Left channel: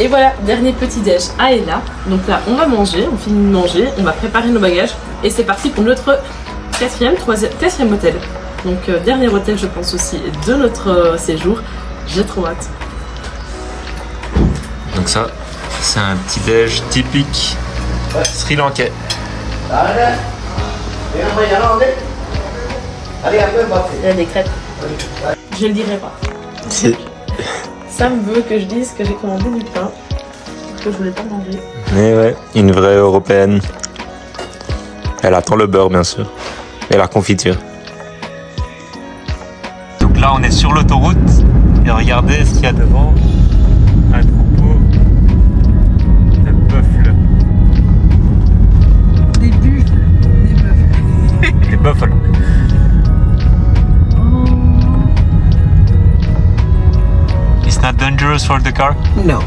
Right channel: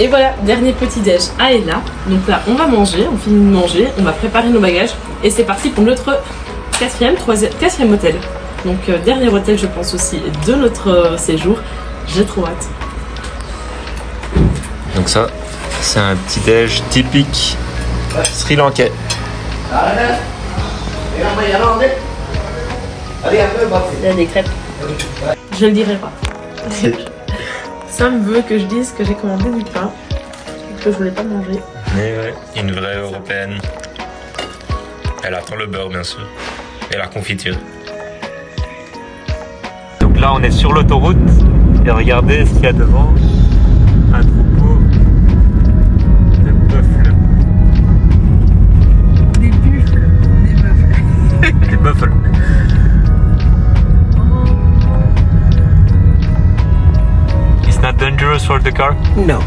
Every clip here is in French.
Et voilà, dernier petit déj à Ella. Donc là, on va manger, on finit de manger, on va préparer nos bagages. Et c'est parti pour notre quatrième hôtel. Donc dernier hôtel, je pense aussi, de notre séjour. J'ai trop hâte. Donc ça, c'est un petit déj typique sri-lankais. Il y a des crêpes. Je le dirai pas. Sam veut que je dise que j'ai commandé du pain, que je voulais pas manger. Mais ouais, une vraie européenne. Elle attend le beurre bien sûr. Et la confiture. Donc là on est sur l'autoroute. Et regardez ce qu'il y a devant. Un troupeau de buffles. Des buffles. Des buffles. It's not dangerous for the car? No.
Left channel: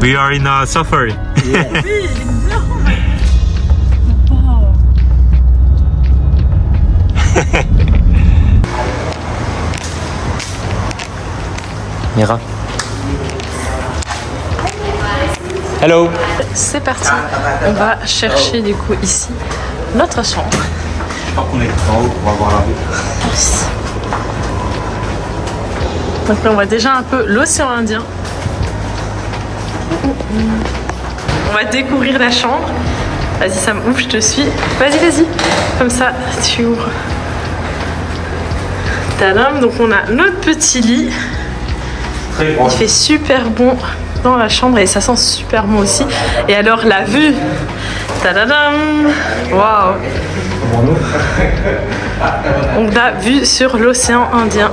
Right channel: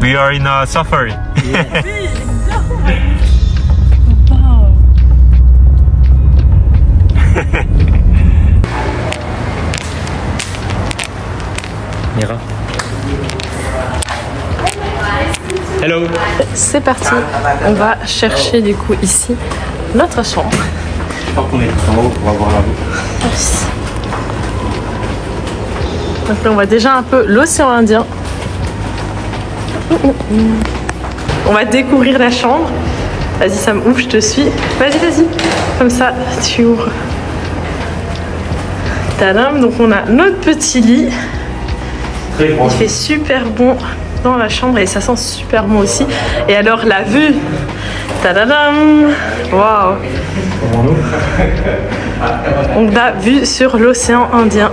We are in a safari. Mira. Hello. C'est parti. On va chercher du coup ici notre chambre. Je crois qu'on est en haut pour avoir la route. Donc là on voit déjà un peu l'océan Indien. On va découvrir la chambre. Vas-y Sam, ouvre, je te suis. Vas-y, vas-y. Comme ça, tu ouvres. Tadam, donc on a notre petit lit. Il fait super bon dans la chambre et ça sent super bon aussi. Et alors la vue. Tadadam. Waouh. On a vue sur l'océan Indien.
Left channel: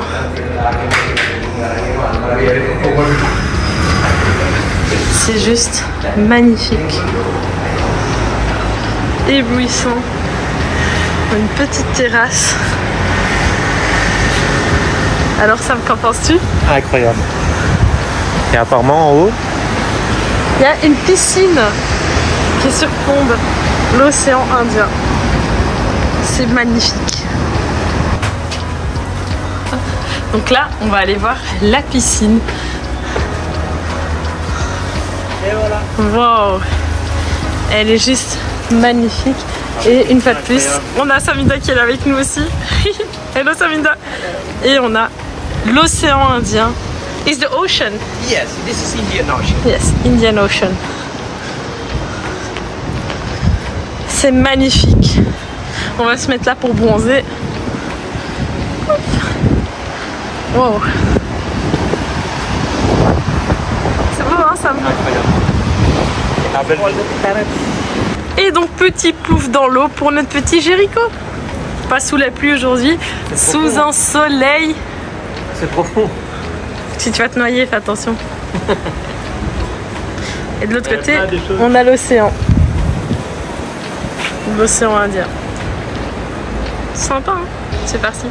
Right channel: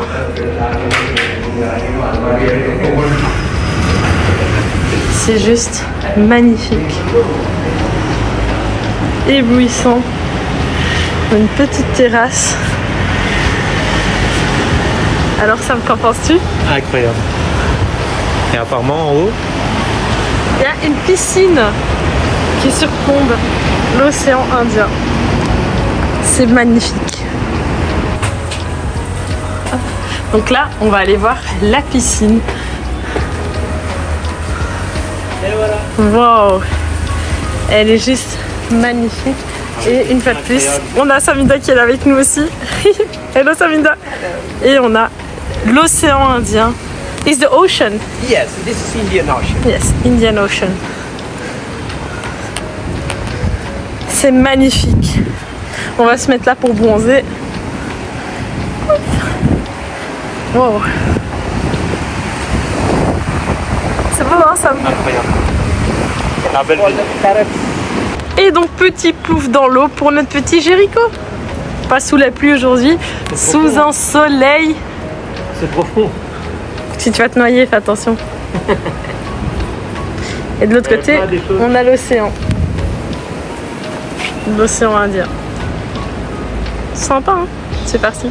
C'est juste magnifique. Éblouissant. Une petite terrasse. Alors Sam, qu'en penses-tu? Incroyable. Et apparemment en haut, il y a une piscine qui surplombe l'océan Indien. C'est magnifique. Donc là, on va aller voir la piscine. Wow, elle est juste magnifique. Et une fois de plus, on a Saminda qui est là avec nous aussi. Hello Saminda. Et on a l'océan Indien. Is the ocean? Yes, this is Indian Ocean. Yes, Indian Ocean. C'est magnifique. On va se mettre là pour bronzer. Wow. C'est beau hein Sam? incroyable. La belle vie. Et donc petit plouf dans l'eau pour notre petit Jéricho. Pas sous la pluie aujourd'hui, sous un soleil. C'est profond. Si tu vas te noyer, fais attention. Et de l'autre côté, on a l'océan. L'océan Indien. Sympa, hein? C'est parti.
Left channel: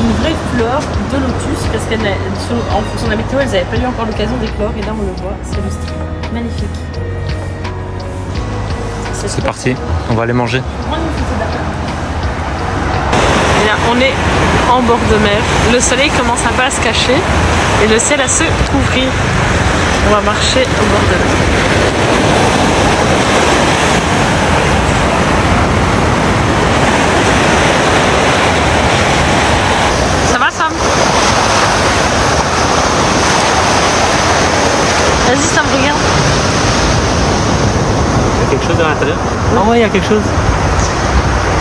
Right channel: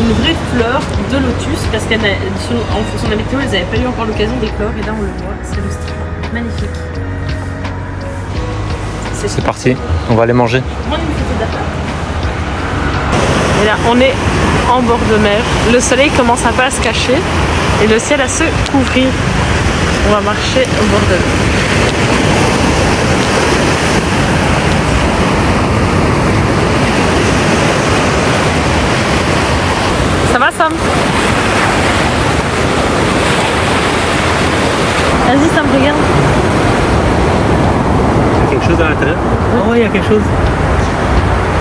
Une vraie fleur de lotus parce qu'en fonction de la météo, elles n'avaient pas eu encore l'occasion d'éclore et là on le voit, c'est juste magnifique. C'est parti, on va aller manger. Et là on est en bord de mer, le soleil commence un peu à se cacher et le ciel à se couvrir. On va marcher au bord de l'eau. Ça va Sam? Vas-y Sam, regarde. Il y a quelque chose à l'intérieur? Oh ouais, il y a quelque chose.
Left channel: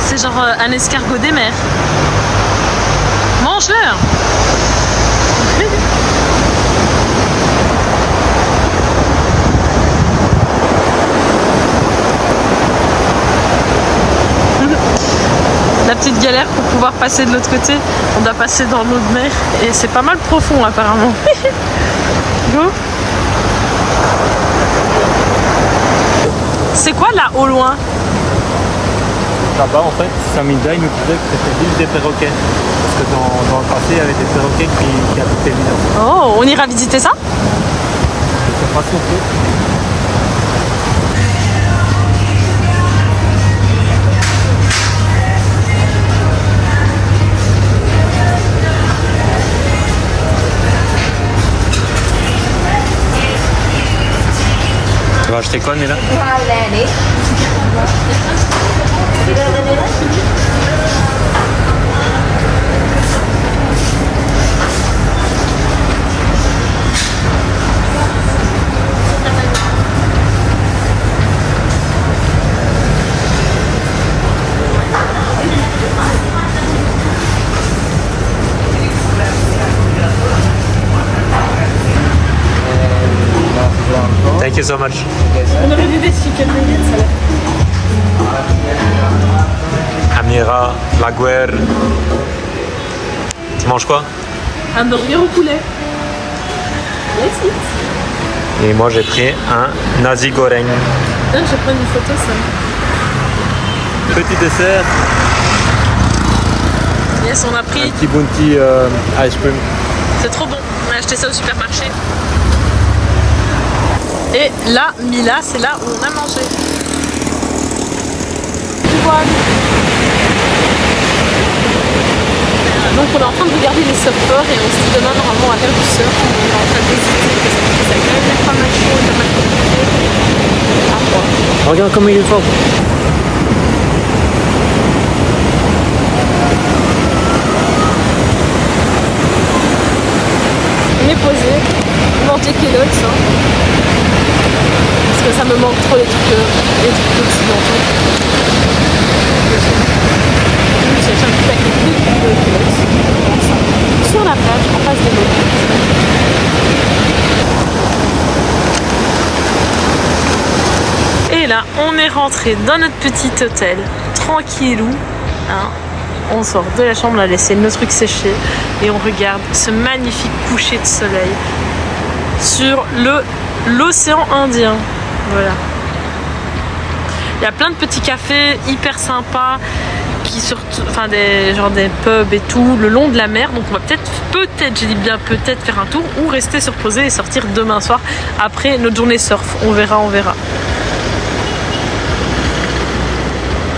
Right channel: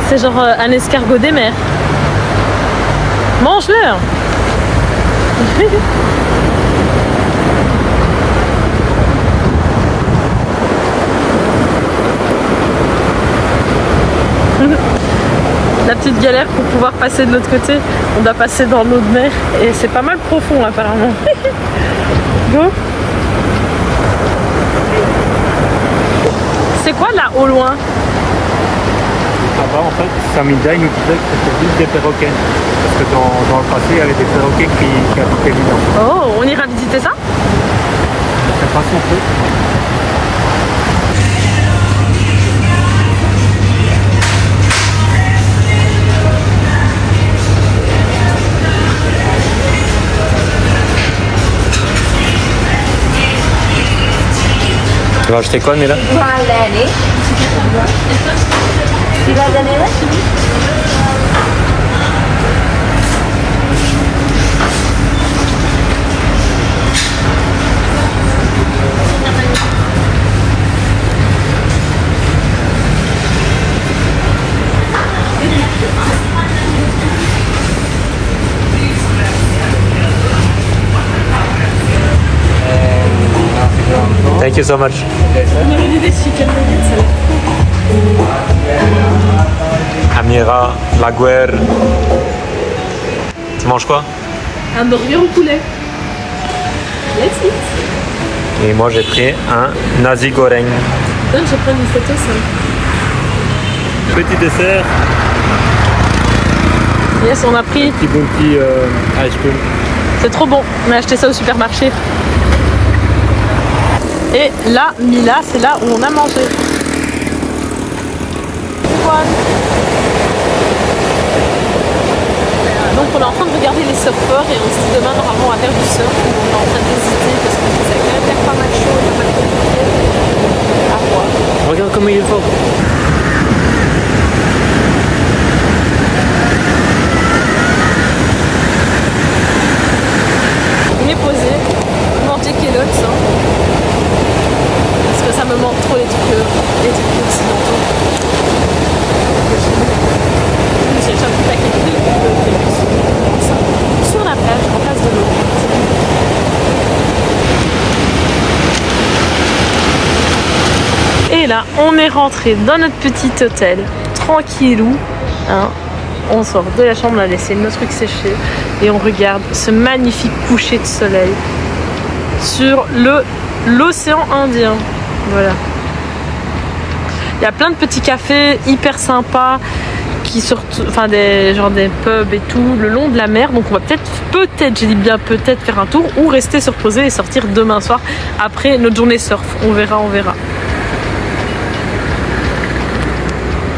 C'est genre un escargot des mers. Mange-le. La petite galère pour pouvoir passer de l'autre côté, on doit passer dans l'eau de mer et c'est pas mal profond apparemment. Go. C'est quoi là au loin? là-bas, en fait, Saminda, il nous disait que c'était l'île des perroquets. Parce que dans le passé, il y avait des perroquets qui habitaient l'île. Oh, on ira visiter ça? Je sais pas si on peut. Tu vas acheter quoi, Nela? Thank you so much. On aurait dit des chicken nuggets, ça a l'air. Amira, la guerre. Tu manges quoi? Un burger au poulet. Let's eat. Et moi j'ai pris un nasi goreng. Donne, je vais prendre une photo, ça. Petit dessert. Yes, on a pris. Petit bounty ice cream. C'est trop bon. On a acheté ça au supermarché. Et là, Mila, c'est là où on a mangé. Donc on est en train de regarder les surfeurs et on se dit demain normalement on va faire du surf. On est en train d'hésiter parce que ça a quand même l'air pas mal chaud et pas mal compliqué. À voir. Regarde comment il est fort. On est posé, monter Kellogg's, hein. Parce que ça me manque trop les trucs occidentaux. J'ai acheté un petit paquet de Kellogg's, comme ça, sur la plage, en face de l'eau. C'est magnifique. Et là, on est rentré dans notre petit hôtel, tranquillou, hein. On sort de la chambre, on a laissé nos trucs sécher et on regarde ce magnifique coucher de soleil sur l'océan Indien. Voilà. Il y a plein de petits cafés hyper sympas qui sortent, enfin des pubs et tout le long de la mer. Donc on va peut-être, je dis bien peut-être faire un tour ou rester se reposer et sortir demain soir après notre journée surf. On verra, on verra.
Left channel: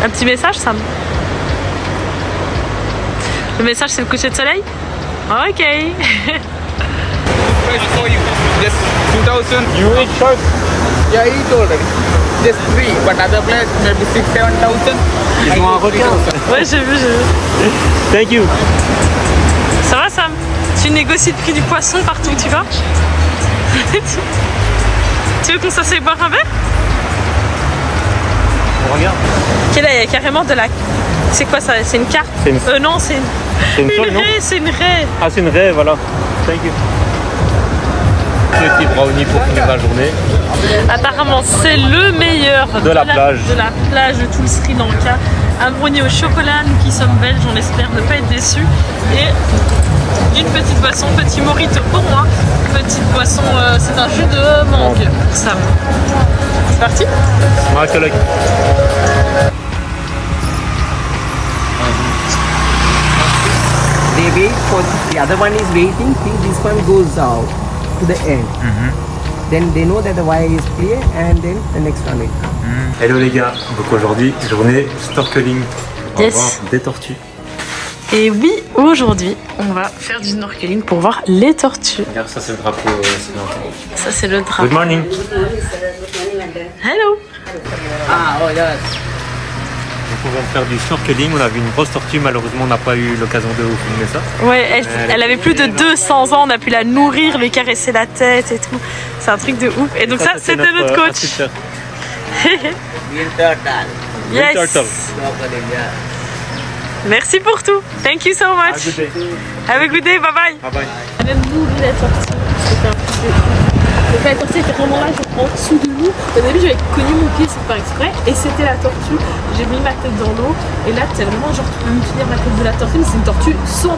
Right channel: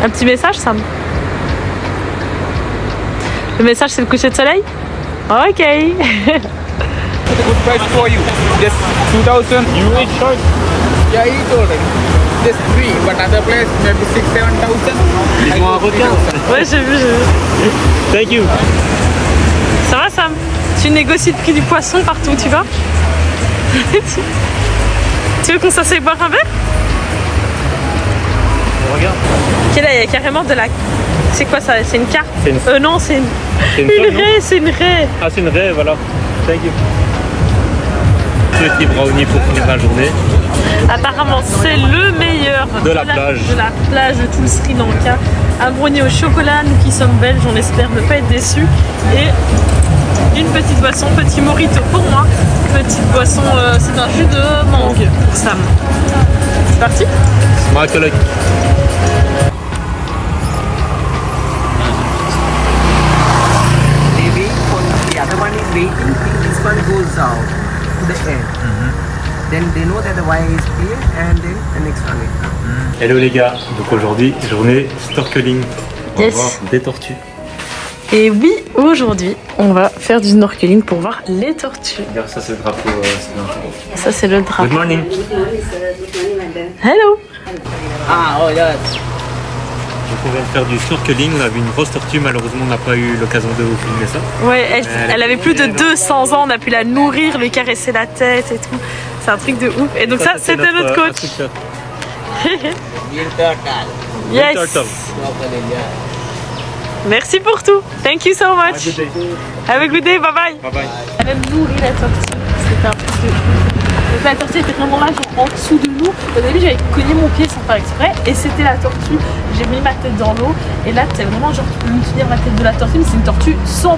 Un petit message, Sam? Le message, c'est le coucher de soleil? Ok. This 2000 US short. Yeah, he told us. Just 3, but other place maybe 6,000-7,000. Ils ont un requin. Ouais, j'ai vu. Thank you. Ça va, Sam? Tu négocies le prix du poisson partout où tu vas? Tu veux qu'on s'asseye boire un verre? Regarde. Ok, là, il y a carrément de la... C'est quoi ça? C'est une carte? Non, c'est une raie, c'est une raie. Ah, c'est une raie, voilà. Thank you. Petit brownie pour finir la journée. Apparemment, c'est le meilleur de la plage de tout le Sri Lanka. Un brownie au chocolat, nous qui sommes belges, on espère ne pas être déçus. Et une petite boisson, petit mojito pour moi. Petite boisson, c'est un jus de mangue pour Sam. C'est parti? Ma collègue. The other one is waiting till this one goes out to the end. Then they know that the wire is clear and then the next one will come. Hello les gars, donc aujourd'hui journée snorkeling. On va voir des tortues. Et oui, aujourd'hui on va faire du snorkeling pour voir les tortues. Regarde, ça c'est le drapeau. Ça c'est le drapeau. Good morning. Hello. Ah, oh yes. Donc on vient de faire du snorkeling, on a vu une grosse tortue, malheureusement on n'a pas eu l'occasion de vous filmer ça. Ouais, elle avait plus de 200 ans, on a pu la nourrir, lui caresser la tête et tout. C'est un truc de ouf. Et donc ça c'était notre coach. Yes. Merci pour tout. Thank you so much. Have a good day. Bye bye. Bye bye. Elle a nourri la tortue. C'était un truc de ouf. Donc la tortue était vraiment là, genre en dessous de nous. Au début, j'avais cogné mon pied sans faire exprès. Et c'était la tortue. J'ai mis ma tête dans l'eau. Et là, c'est vraiment genre, tu peux mutiler la tête de la tortue. Mais c'est une tortue 100%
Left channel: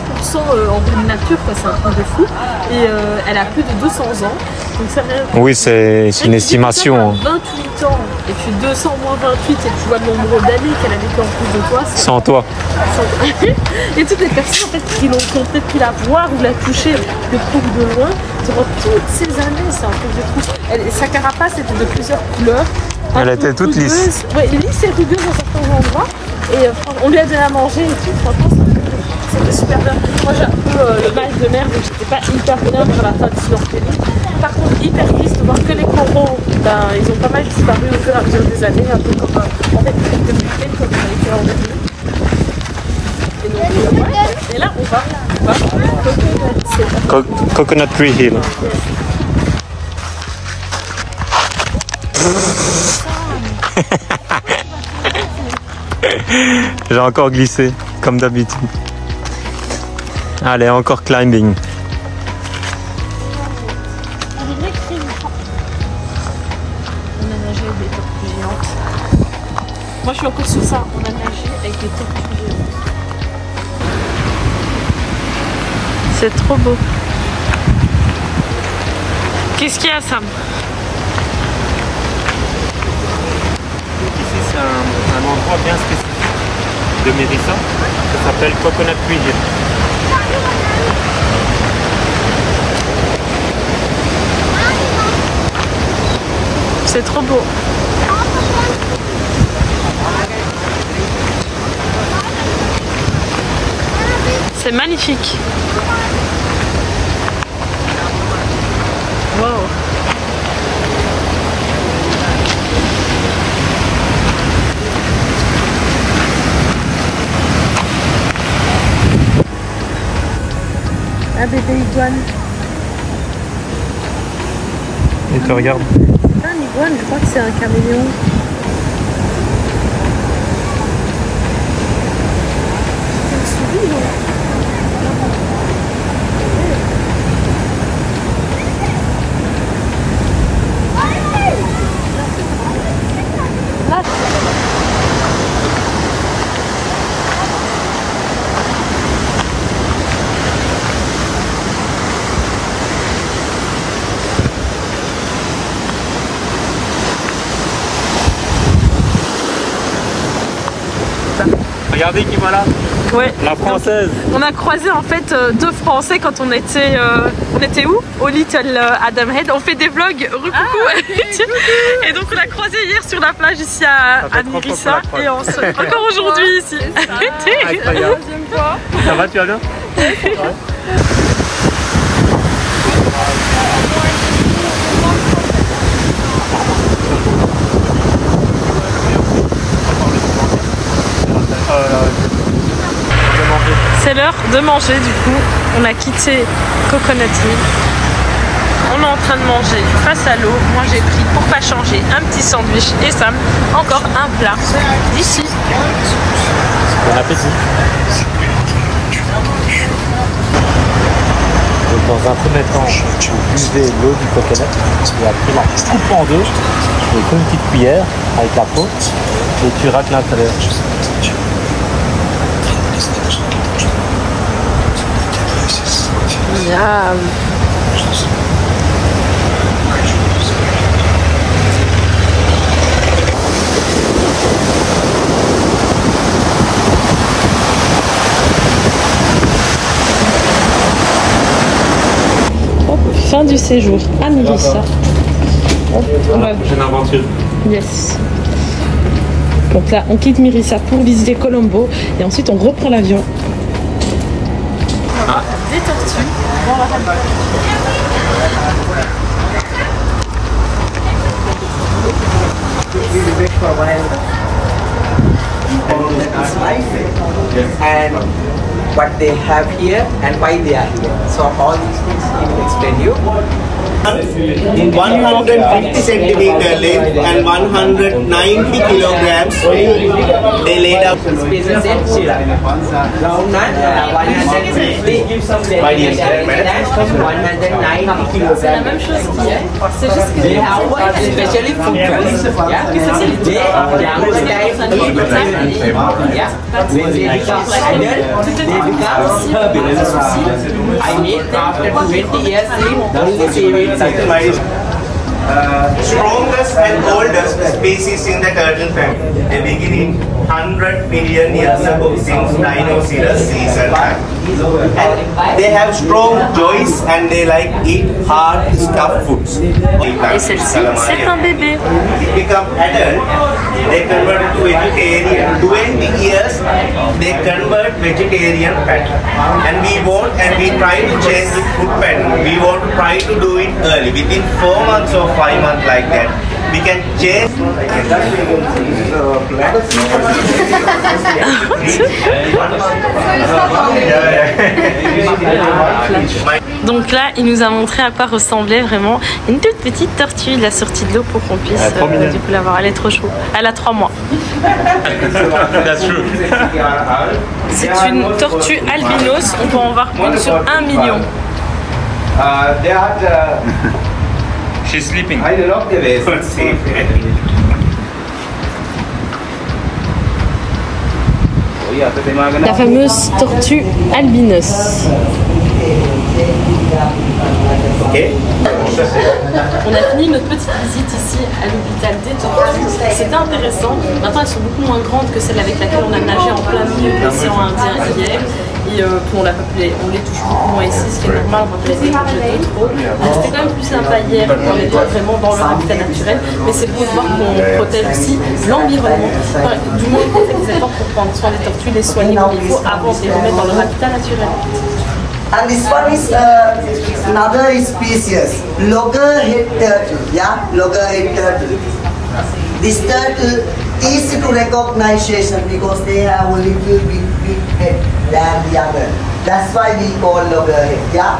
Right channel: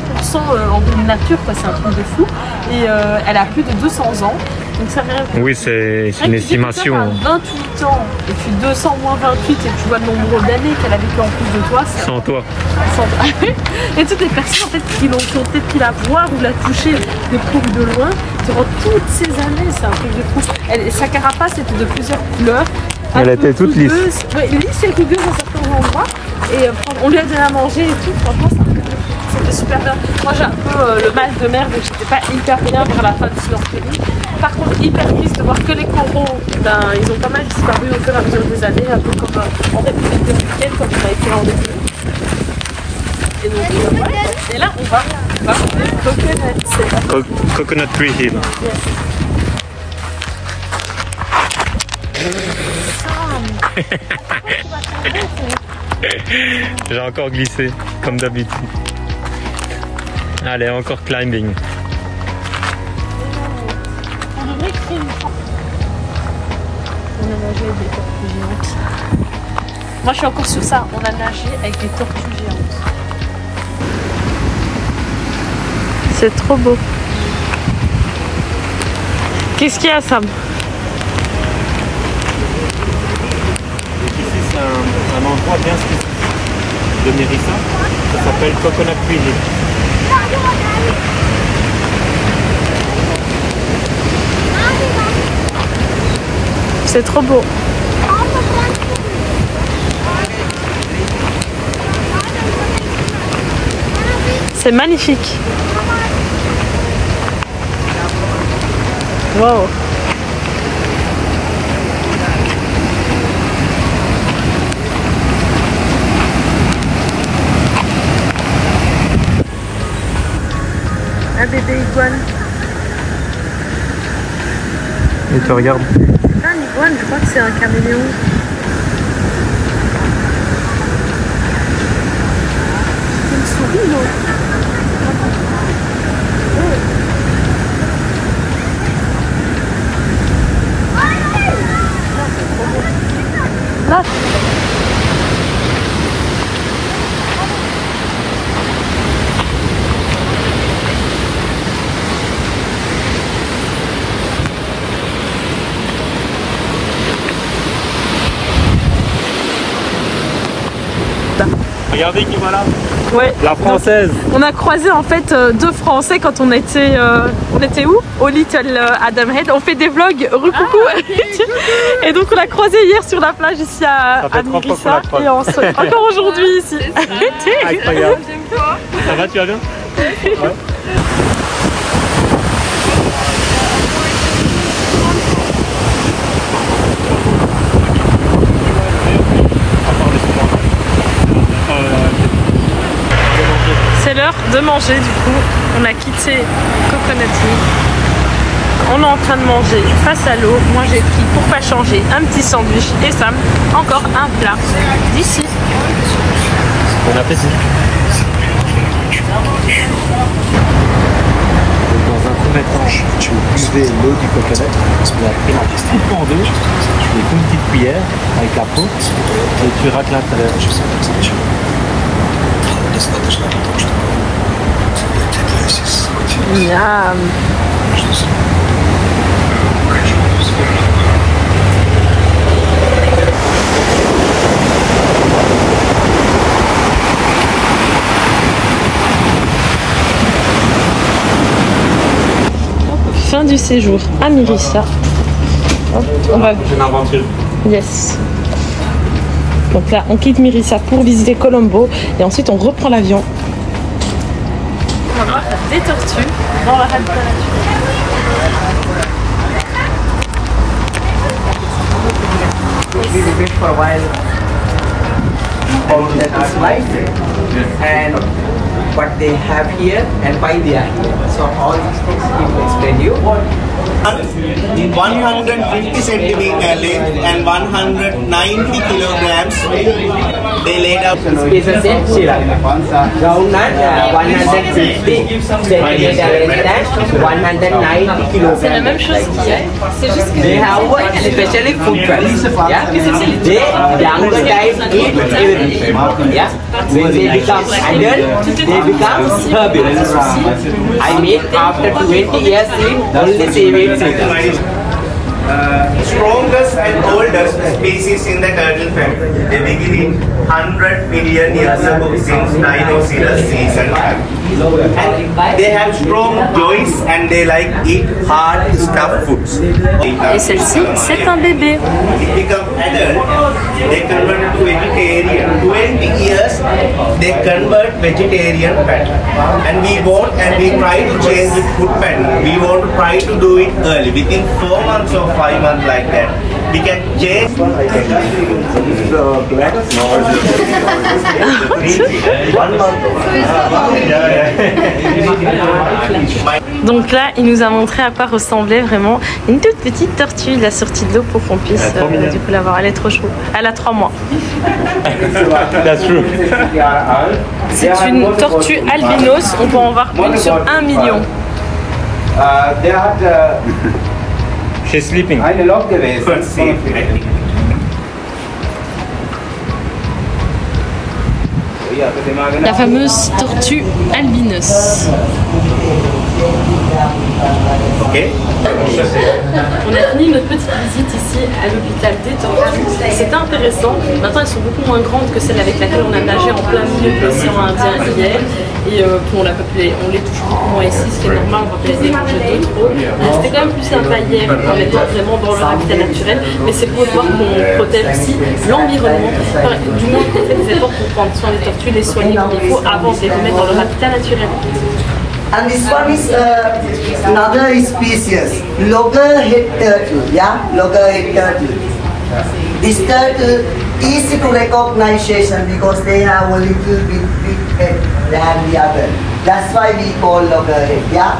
en pleine nature, quoi. C'est un truc de fou. Et elle a plus de 200 ans. Donc c'est rien. Oui, c'est une estimation. 28 ans et tu fais 200 moins 28 et tu vois le nombre d'années qu'elle a vécu en plus de toi. Sans toi. Et toutes les personnes en fait, qui ont peut-être pu la voir ou la toucher de près ou de loin, durant toutes ces années, c'est un truc de fou. Sa carapace était de plusieurs couleurs. Elle était toute lisse. Ouais, lisse et rugueuse à certains endroits. Et on lui a donné à manger et tout. Franchement, c'est un truc de fou. C'était super bien. Moi, j'ai un peu le mal de mer, donc j'étais pas hyper bien vers la fin du snorkeling. Par contre, hyper triste de voir que les coraux, ben, ils ont pas mal disparu au fur et à mesure des années, un peu comme en République dominicaine quand on a été en 2000. Et donc, ouais. Et là, on va Coconut Tree Hill. Yes. J'ai encore glissé, comme d'habitude. Allez, encore climbing. On devrait créer une porte. On a nagé avec des tortues géantes. Moi, je suis encore sur ça. On a nagé avec des tortues géantes. C'est trop beau. Qu'est-ce qu'il y a, Sam? Ici, c'est un endroit bien spécifique de Mérissa. Ça s'appelle Coconut Tree Hill. C'est trop beau. C'est magnifique. Wow. Un bébé iguane. Et tu regardes. C'est pas un iguane, je crois que c'est un caméléon. C'est une souris, non? Regardez qui voilà. Ouais. La française. Donc, on a croisé en fait deux Français quand on était où? Au Little Adam Head. On fait des vlogs. Coucou. Et donc on a croisé hier sur la plage ici à Mérissa et encore aujourd'hui ici. Ça va, tu vas bien? C'est l'heure de manger du coup. On a quitté Coconut Hill. On est en train de manger face à l'eau. Moi j'ai pris pour pas changer un petit sandwich et Sam encore un plat d'ici. Bon appétit. Dans un premier temps, vous buvez l'eau du coconut et après la coupe en deux, tu fais une petite cuillère avec la peau et tu rates l'intérieur. Miam. Fin du séjour à Mérissa. On va... C'est une aventure. Yes. Donc là, on quitte Mérissa pour visiter Colombo et ensuite on reprend l'avion. On va des tortues dans la rade de la nature. We wait for a while from the life and what they have here and why they are here. So all these things he will explain you. In 150 centimeter length and 190 kilograms, they laid up. Species in Chile. Round nut, 150 centimeter and 190 kilograms. C'est la même chose qu'hier, c'est juste que They have especially food drugs. Yeah, they young guys eat everything. Yeah, when they become adult, they become herbivores. I mean, after 20 years, only Strongest and oldest species in the turtle family. They begin in 100 million years ago, since Dinosaurus season time. And they have strong jaws and they like eat hard stuffed foods. Et celle-ci, c'est un bébé. They become adult, they convert to vegetarian. 20 years, they convert vegetarian pattern. And we try to change the food pattern. We want to try to do it early, within 4 months or 5 months like that. We can change. Donc là, il nous a montré à quoi ressemblait vraiment une toute petite tortue. Il a sorti de l'eau pour qu'on puisse du coup la voir. Elle est trop chou. Elle a 3 mois. C'est une tortue albinos. On peut en voir une sur 1 million. She's sleeping. La fameuse tortue albinos. Okay. On a fini notre petite visite ici à l'hôpital des tortues. C'était intéressant. Maintenant, elles sont beaucoup moins grandes que celles avec laquelle on a nagé en plein milieu de l'océan Indien hier. Et on les touche beaucoup moins ici, ce qui est normal, on va les écouter trop. C'était quand même plus sympa hier en étant vraiment dans leur habitat naturel. Mais c'est beau de voir qu'on protège aussi l'environnement. Du moins, on fait des efforts pour prendre soin des tortues, les soigner comme il faut avant de les remettre dans leur habitat naturel. And this one is another species, loggerhead turtle. Yeah, loggerhead turtle. This turtle easy to recognition because they have a little bit big head than the other. That's why we call loggerhead. Yeah,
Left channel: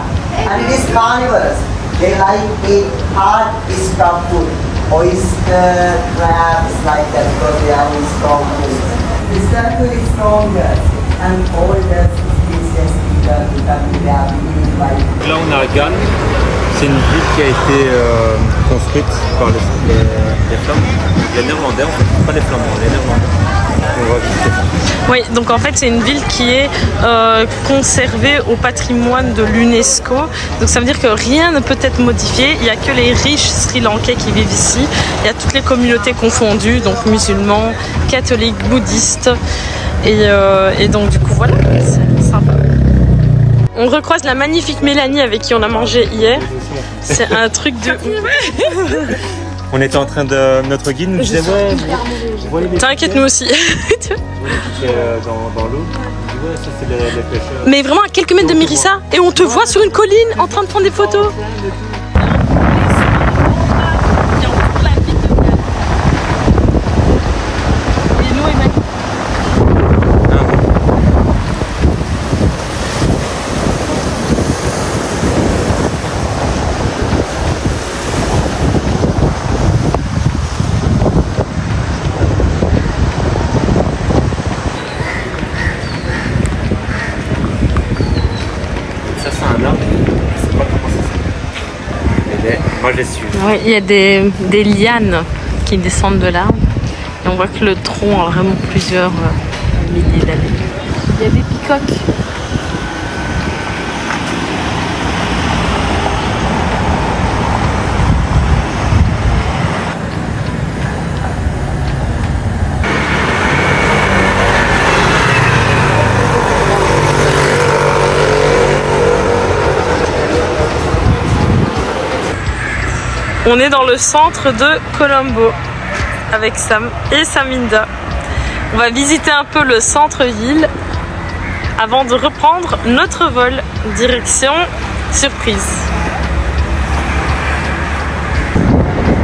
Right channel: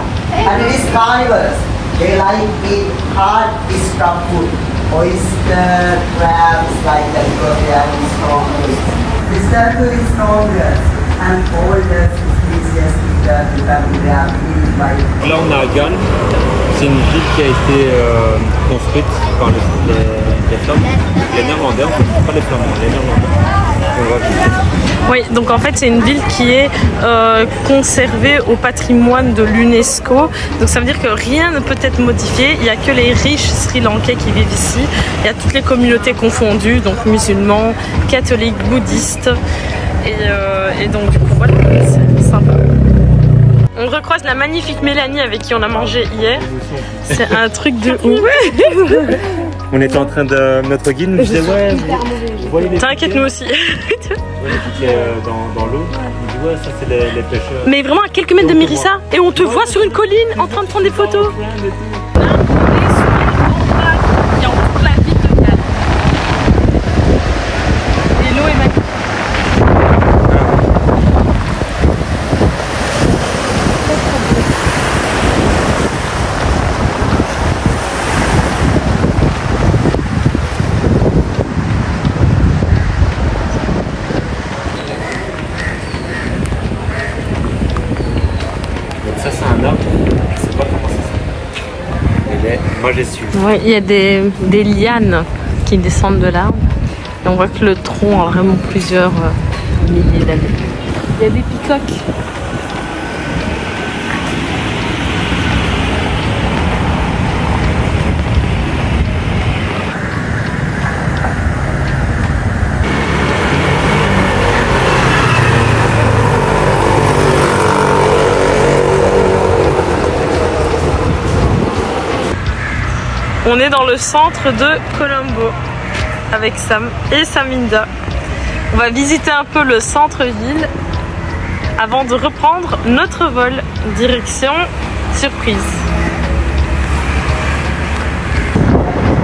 and it is carnivorous. They like eat hard stuffed food, oyster, crabs, like that. Because they are strong food. This turtle is stronger and older species. Là on est à Ghan, c'est une ville qui a été construite par les Flamands, les Néerlandais en fait, pas les Flamands, les Néerlandais. On va visiter ça. Oui, donc en fait c'est une ville qui est conservée au patrimoine de l'UNESCO. Donc ça veut dire que rien ne peut être modifié. Il n'y a que les riches Sri-Lankais qui vivent ici. Il y a toutes les communautés confondues, donc musulmans, catholiques, bouddhistes. Et donc du coup voilà, c'est sympa. On recroise la magnifique Mélanie avec qui on a mangé hier. C'est un truc de ouf. On était en train de... Notre guide nous disait ouais, t'inquiète, nous aussi. Dans l'eau. Il dit ouais, ça c'est les pêcheurs. Mais vraiment à quelques mètres de Mérissa. Et on te voit sur une colline en train de prendre des photos. Ça c'est un arbre, je sais pas comment ça s'appelle. Moi j'ai su. Ouais, il y a des lianes qui descendent de l'arbre. Et on voit que le tronc a vraiment plusieurs milliers d'années. Il y a des picoques. On est dans le centre de Colombo avec Sam et Saminda. On va visiter un peu le centre-ville avant de reprendre notre vol direction surprise.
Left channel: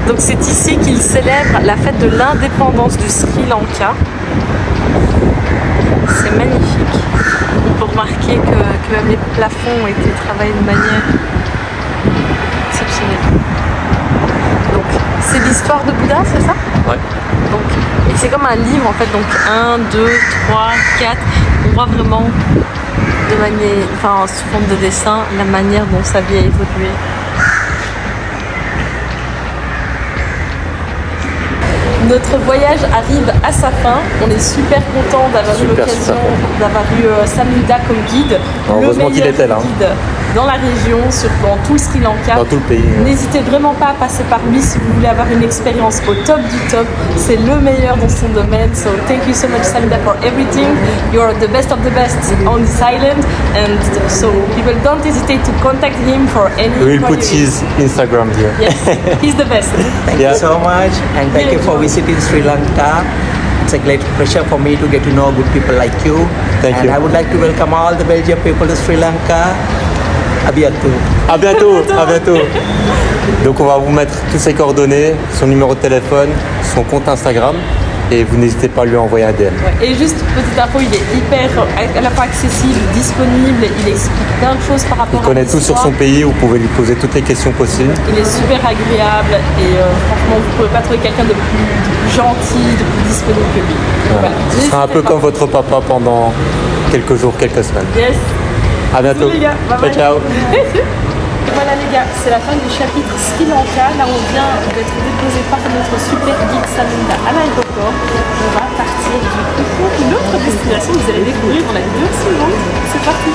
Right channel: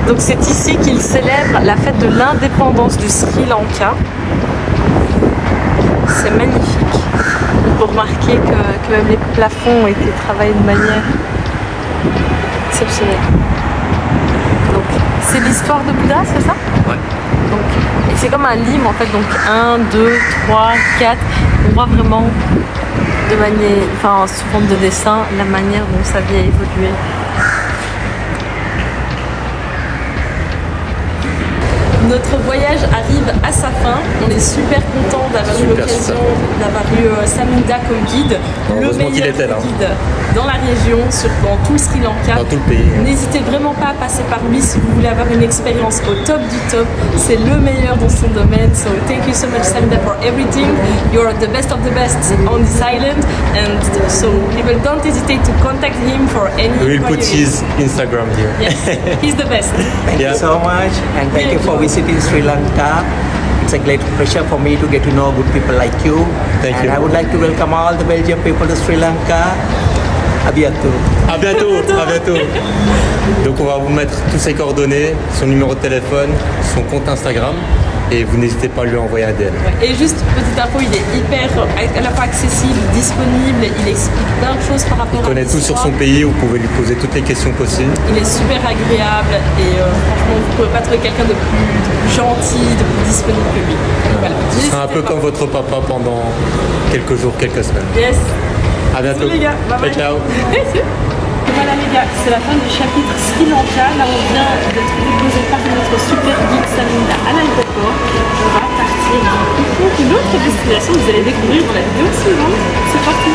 Donc c'est ici qu'ils célèbrent la fête de l'indépendance du Sri Lanka. C'est magnifique. On peut remarquer que même les plafonds ont été travaillés de manière exceptionnelle. C'est l'histoire de Bouddha, c'est ça? Ouais. Et c'est comme un livre en fait, donc 1, 2, 3, 4. On voit vraiment de manière, enfin sous forme de dessin, la manière dont sa vie a évolué. Notre voyage arrive à sa fin. On est super content d'avoir eu l'occasion d'avoir eu Saminda comme guide, le meilleur guide dans la région, dans tout le Sri Lanka. Dans tout le pays. N'hésitez vraiment pas à passer par lui si vous voulez avoir une expérience au top du top. C'est le meilleur dans son domaine. So thank you so much, Saminda, for everything. You're the best of the best on this island, and so people don't hesitate to contact him for any. We'll put his Instagram here. Yes, he's the best. Thank you so much, and thank you for visiting Sri Lanka. It's a great pleasure for me to get to know good people like you. Thank you. I would like to welcome all the Belgian people to Sri Lanka. À bientôt. À bientôt, à bientôt. Donc on va vous mettre tous ses coordonnées, son numéro de téléphone, son compte Instagram, et vous n'hésitez pas à lui envoyer un DM. Ouais. Et juste petite info, il est hyper à la fois accessible, disponible, il explique plein de choses par rapport à l'histoire. Il connaît tout sur son pays, vous pouvez lui poser toutes les questions possibles. Il est super agréable et franchement vous ne pouvez pas trouver quelqu'un de plus gentil, de plus disponible que lui. Donc, voilà. Ce sera un peu comme votre papa pendant quelques jours, quelques semaines. Yes. À bientôt. Bisous les gars. Bye bye. Ciao. Voilà les gars, c'est la fin du chapitre Sri Lanka. Là on vient d'être déposé par notre super guide Saminda à l'aéroport. On va partir du coup pour une autre destination que vous allez découvrir dans la vidéo suivante. C'est parti.